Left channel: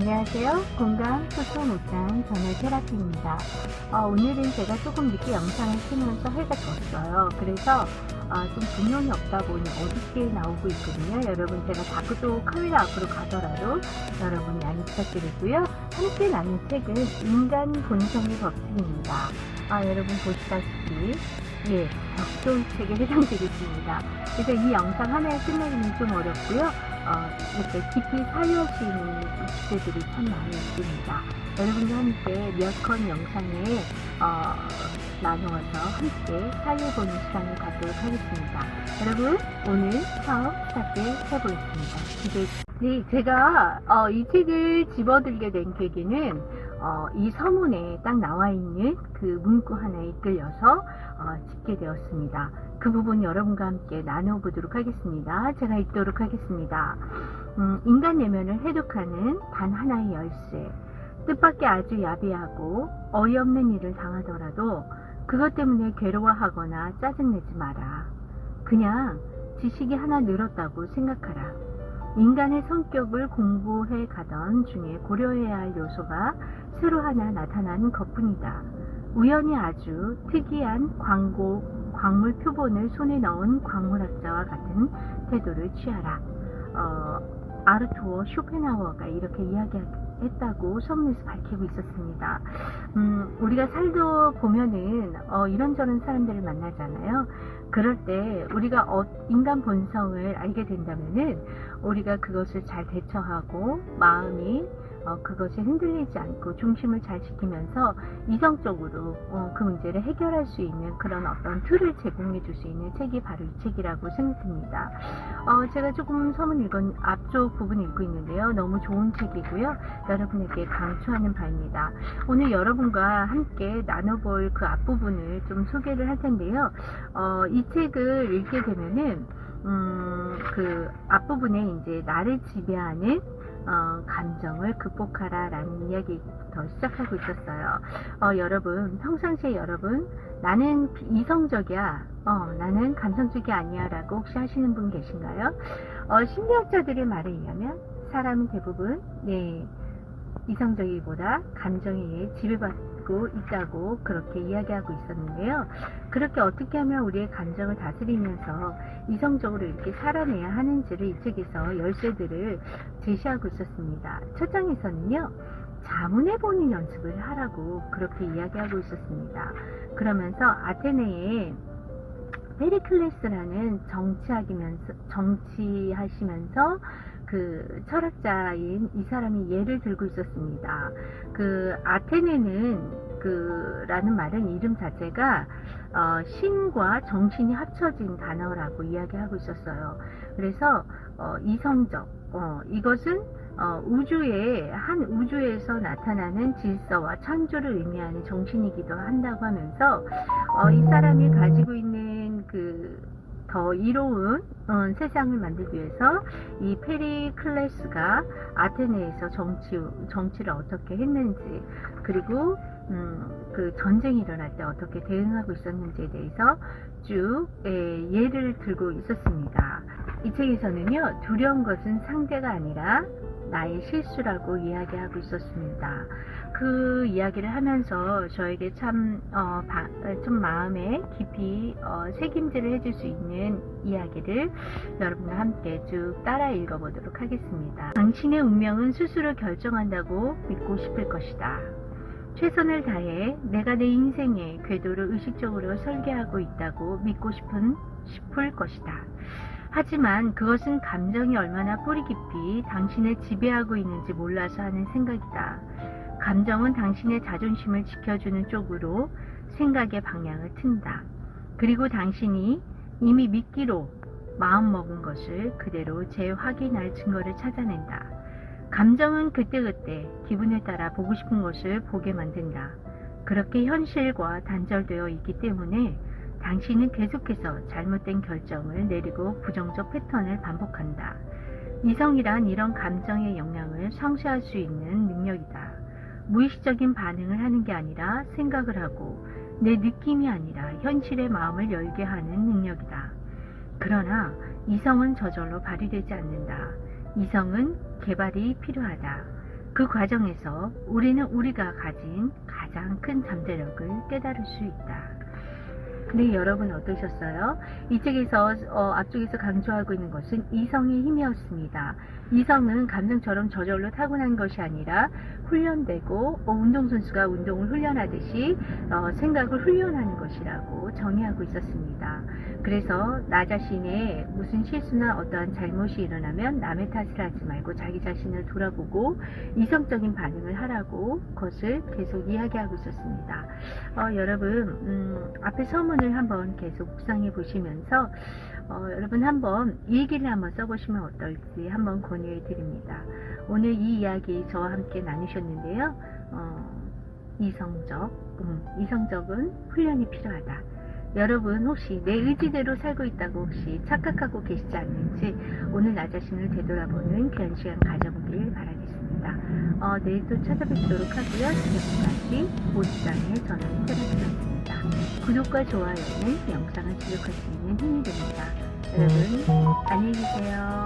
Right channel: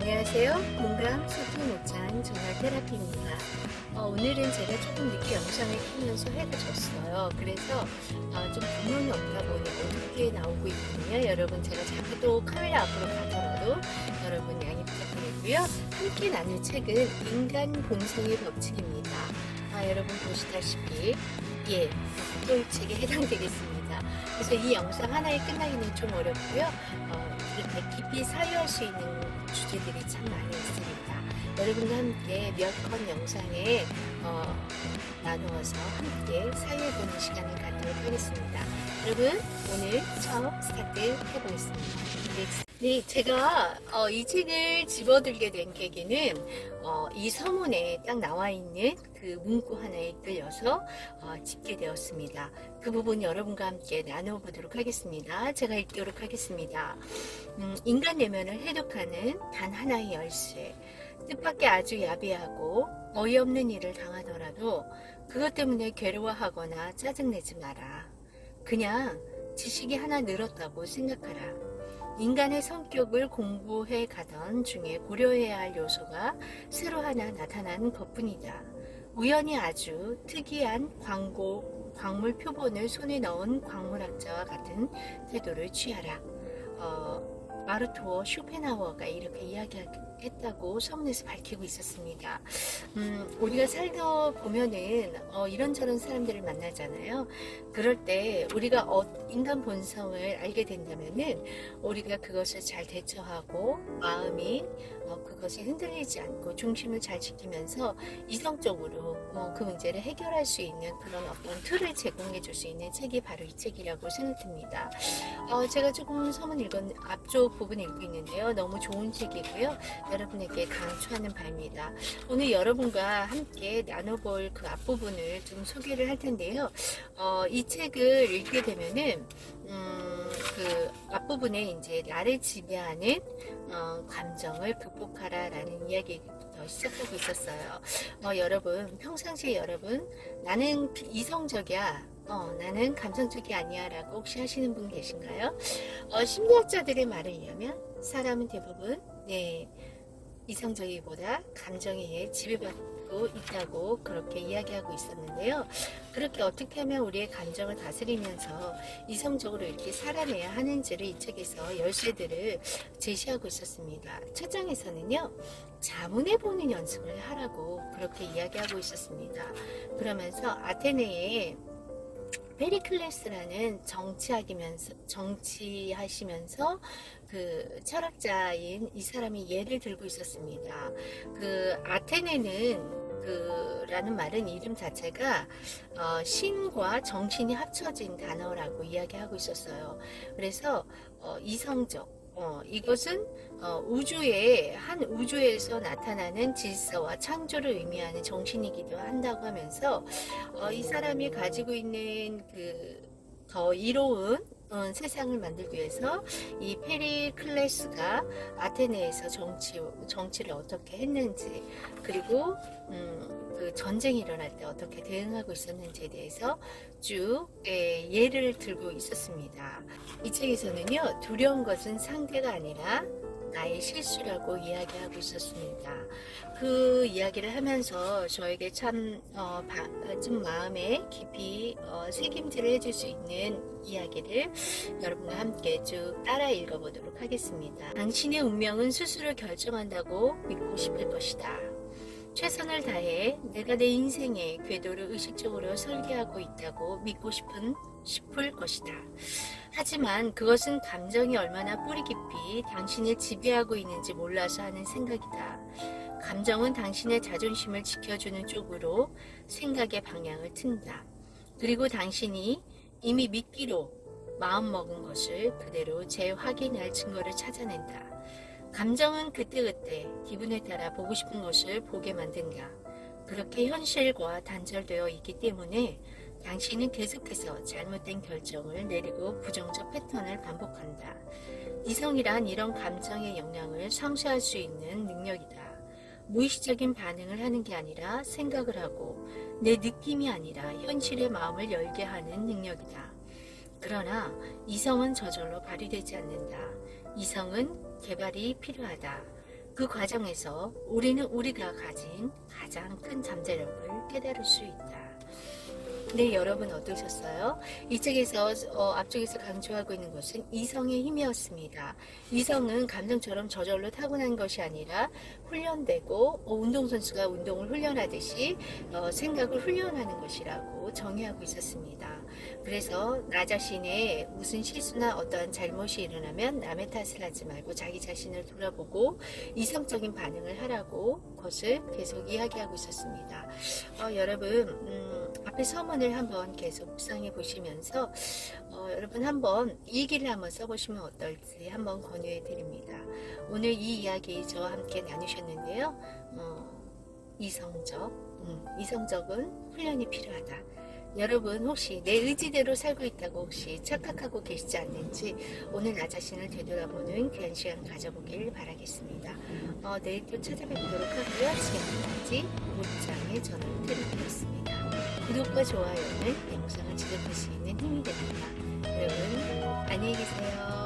안녕하세요. 공감 소통 옷장 전열 테라피입니다. 어, 오늘은 제가 조금 늦게 영상을 키면서 해가 졌어요. 그래서 어, 좀 분명히 없다 보니 어둡게 나오고 있거든요. 여러분 제가 자꾸 또 카메라 앞으로 가더라도 여러분 양해 부탁드리고요. 함께 나눌 책은 인간 본성의 법칙입니다. 아, 여러분 보시다시피 예, 벽돌책에 해당되겠습니다. 그래서 이 영상 하나에 끝나기는 좀 어렵고요. 어, 이렇게 깊이 사유할 수 있는 주제들이 참 많이 있습니다. 여러분과 함께 몇 건 영상에 어, 나누어서 함께 사유해보는 시간을 갖도록 하겠습니다. 여러분 오늘 처음 스타트 해보겠습니다. 기대해 주세요. 네, 제가 어, 이 책을 집어들게 된 계기는 어, 이 서문에 딱 나와 있는 그 문구 하나에 이끌려서 어, 집게 되었습니다. 그 부분 여러분과 함께 나눠보도록 하겠습니다. 제가 읽도록 하겠습니다. 음, 인간 내면을 해독하는 단 하나의 열쇠. 뜻밖의 아주 야비하고 어이없는 일을 당하더라도 그것 때문에 괴로워하거나 짜증내지 마라. 그냥 지식이 하나 늘었다고 생각하라. 인간의 성격을 공부해 가던 중에 고려해야 할 요소가 새로 하나 나타난 것뿐이다. 우연히 아주 특이한 광고, 광물 표본을 손에 넣은 광물학자와 같은 태도를 취하라. 어, 아르토어 쇼펜하워가 이렇게 이야기 했다고 서문에서 밝히고 있었습니다. 음, 우리가 살다 보면은 어, 이런저런 사람들을 만나잖아요. 그럴 때 우리가 어, 인간 본성을 알게 된다면은 우리가 그것을 잘 대처하고 마음이 어, 그것에 흔들리지 않고 중심을 잘 지키면서 이성적으로 어, 그 문제를 해결할 수 있는 그런 어떤 틀을 제공해 줄 수 있는 책이 바로 이 책이라고 생각됩니다. 어, 제가 조금 서문 읽은 앞쪽 부분 읽고 있는데요. 너무 좋은 책이고요. 여러분에게 강추하는 바입니다. 오늘 여러분과 함께 나눠볼 그 앞부분을 좀 소개를 할 텐데요. 어, 이 책을 읽게 되면은 음, 그 앞부분에 이제 나를 지배하는 어, 감정을 극복하라 라는 이야기부터 시작하고 있었어요. 어, 여러분 평상시에 여러분 나는 비- 이성적이야. 어, 나는 감성적이 아니야 라고 혹시 하시는 분 계신가요? 어, 심리학자들의 말에 의하면 사람은 대부분 네 이성적이보다 감정에 의해 지배받고 있다고 그렇게 이야기하고 있었는데요. 그렇게 어떻게 하면 우리의 감정을 다스리면서 이성적으로 이렇게 살아내야 하는지를 이 책에서 열쇠들을 제시하고 있었습니다. 첫 장에서는요. 자문해 보는 연습을 하라고 그렇게 이야기하고 있었습니다. 그러면서 아테네에 페리클레스라는 정치하기면서 정치하시면서 그 철학자인 이 사람이 예를 들고 있었습니다. 그 아테네는 그 라는 말은 이름 자체가 어, 신과 정신이 합쳐진 단어라고 이야기하고 있었어요. 그래서 어, 이성적 어, 이것은 어, 우주의 한 우주에서 나타나는 질서와 창조를 의미하는 정신이기도 한다고 하면서 어, 이 사람이 가지고 있는 그 더 이로운 어, 세상을 만들기 위해서 이 페리클레스가 아테네에서 정치 정치를 어떻게 했는지 그리고 음, 그 전쟁이 일어날 때 어떻게 대응하고 있었는지에 대해서 쭉 예, 예를 들고 있었습니다. 이 책에서는요 두려운 것은 상대가 아니라 나의 실수라고 이야기하고 있었습니다. 그 이야기를 하면서 저에게 참, 어, 바, 어, 좀 마음에 깊이 어, 새김질을 해줄 수 있는 이야기를 여러분과 함께 쭉 따라 읽어보도록 하겠습니다. 당신의 운명은 스스로 결정한다고 믿고 싶을 것이다. 최선을 다해 내가 내 인생의 궤도를 의식적으로 설계하고 있다고 믿고 싶은 싶을 것이다. 하지만 그것은 감정이 얼마나 뿌리 깊이 당신을 지배하고 있는지 몰라서 하는 생각이다. 감정은 당신의 자존심을 지켜주는 쪽으로 생각의 방향을 튼다. 그리고 당신이 이미 믿기로 마음먹은 것을 그대로 재확인할 증거를 찾아낸다. 감정은 그때그때 기분에 따라 보고 싶은 것을 보게 만든다. 그렇게 현실과 단절되어 있기 때문에 당신은 계속해서 잘못된 결정을 내리고 부정적 패턴을 반복한다. 이성이란 이런 감정의 영향을 상쇄할 수 있는 능력이다. 무의식적인 반응을 하는 게 아니라 생각을 하고 내 느낌이 아니라 현실의 마음을 열게 하는 능력이다. 그러나 이성은 저절로 발휘되지 않는다. 이성은 개발이 필요하다. 그 과정에서 우리는 우리가 가진 가장 큰 잠재력을 깨달을 수 있다. 네, 여러분 어떠셨어요? 이 책에서 어, 앞쪽에서 강조하고 있는 것은 이성의 힘이었습니다. 이성은 감정처럼 저절로 타고난 것이 아니라 훈련되고 어, 운동선수가 운동을 훈련하듯이 어, 생각을 훈련하는 것이라고 정의하고 있었습니다. 그래서 나 자신의 무슨 실수나 어떠한 잘못이 일어나면 남의 탓을 하지 말고 자기 자신을 돌아보고 이성적인 반응을 하라고 그것을 계속 이야기하고 있었습니다. 어, 여러분 음, 앞에 서문 을 한번 계속 묵상해 보시면서 어, 여러분 한번 일기를 한번 써보시면 어떨지 한번 권유해 드립니다. 오늘 이 이야기 저와 함께 나누셨는데요. 어, 이성적, 음, 이성적은 훈련이 필요하다. 여러분 혹시 내 의지대로 살고 있다고 혹시 착각하고 계시지 않는지 오늘 나 자신을 되돌아보는 귀한 시간 가져보길 바라겠습니다. 어, 내일 또 찾아뵙도록 하고요. 지금까지 옷장의 저는 테라피였습니다. 구독과 좋아요는 영상을 지속할 수 있는 힘이 됩니다. 여러분 안녕히 계세요.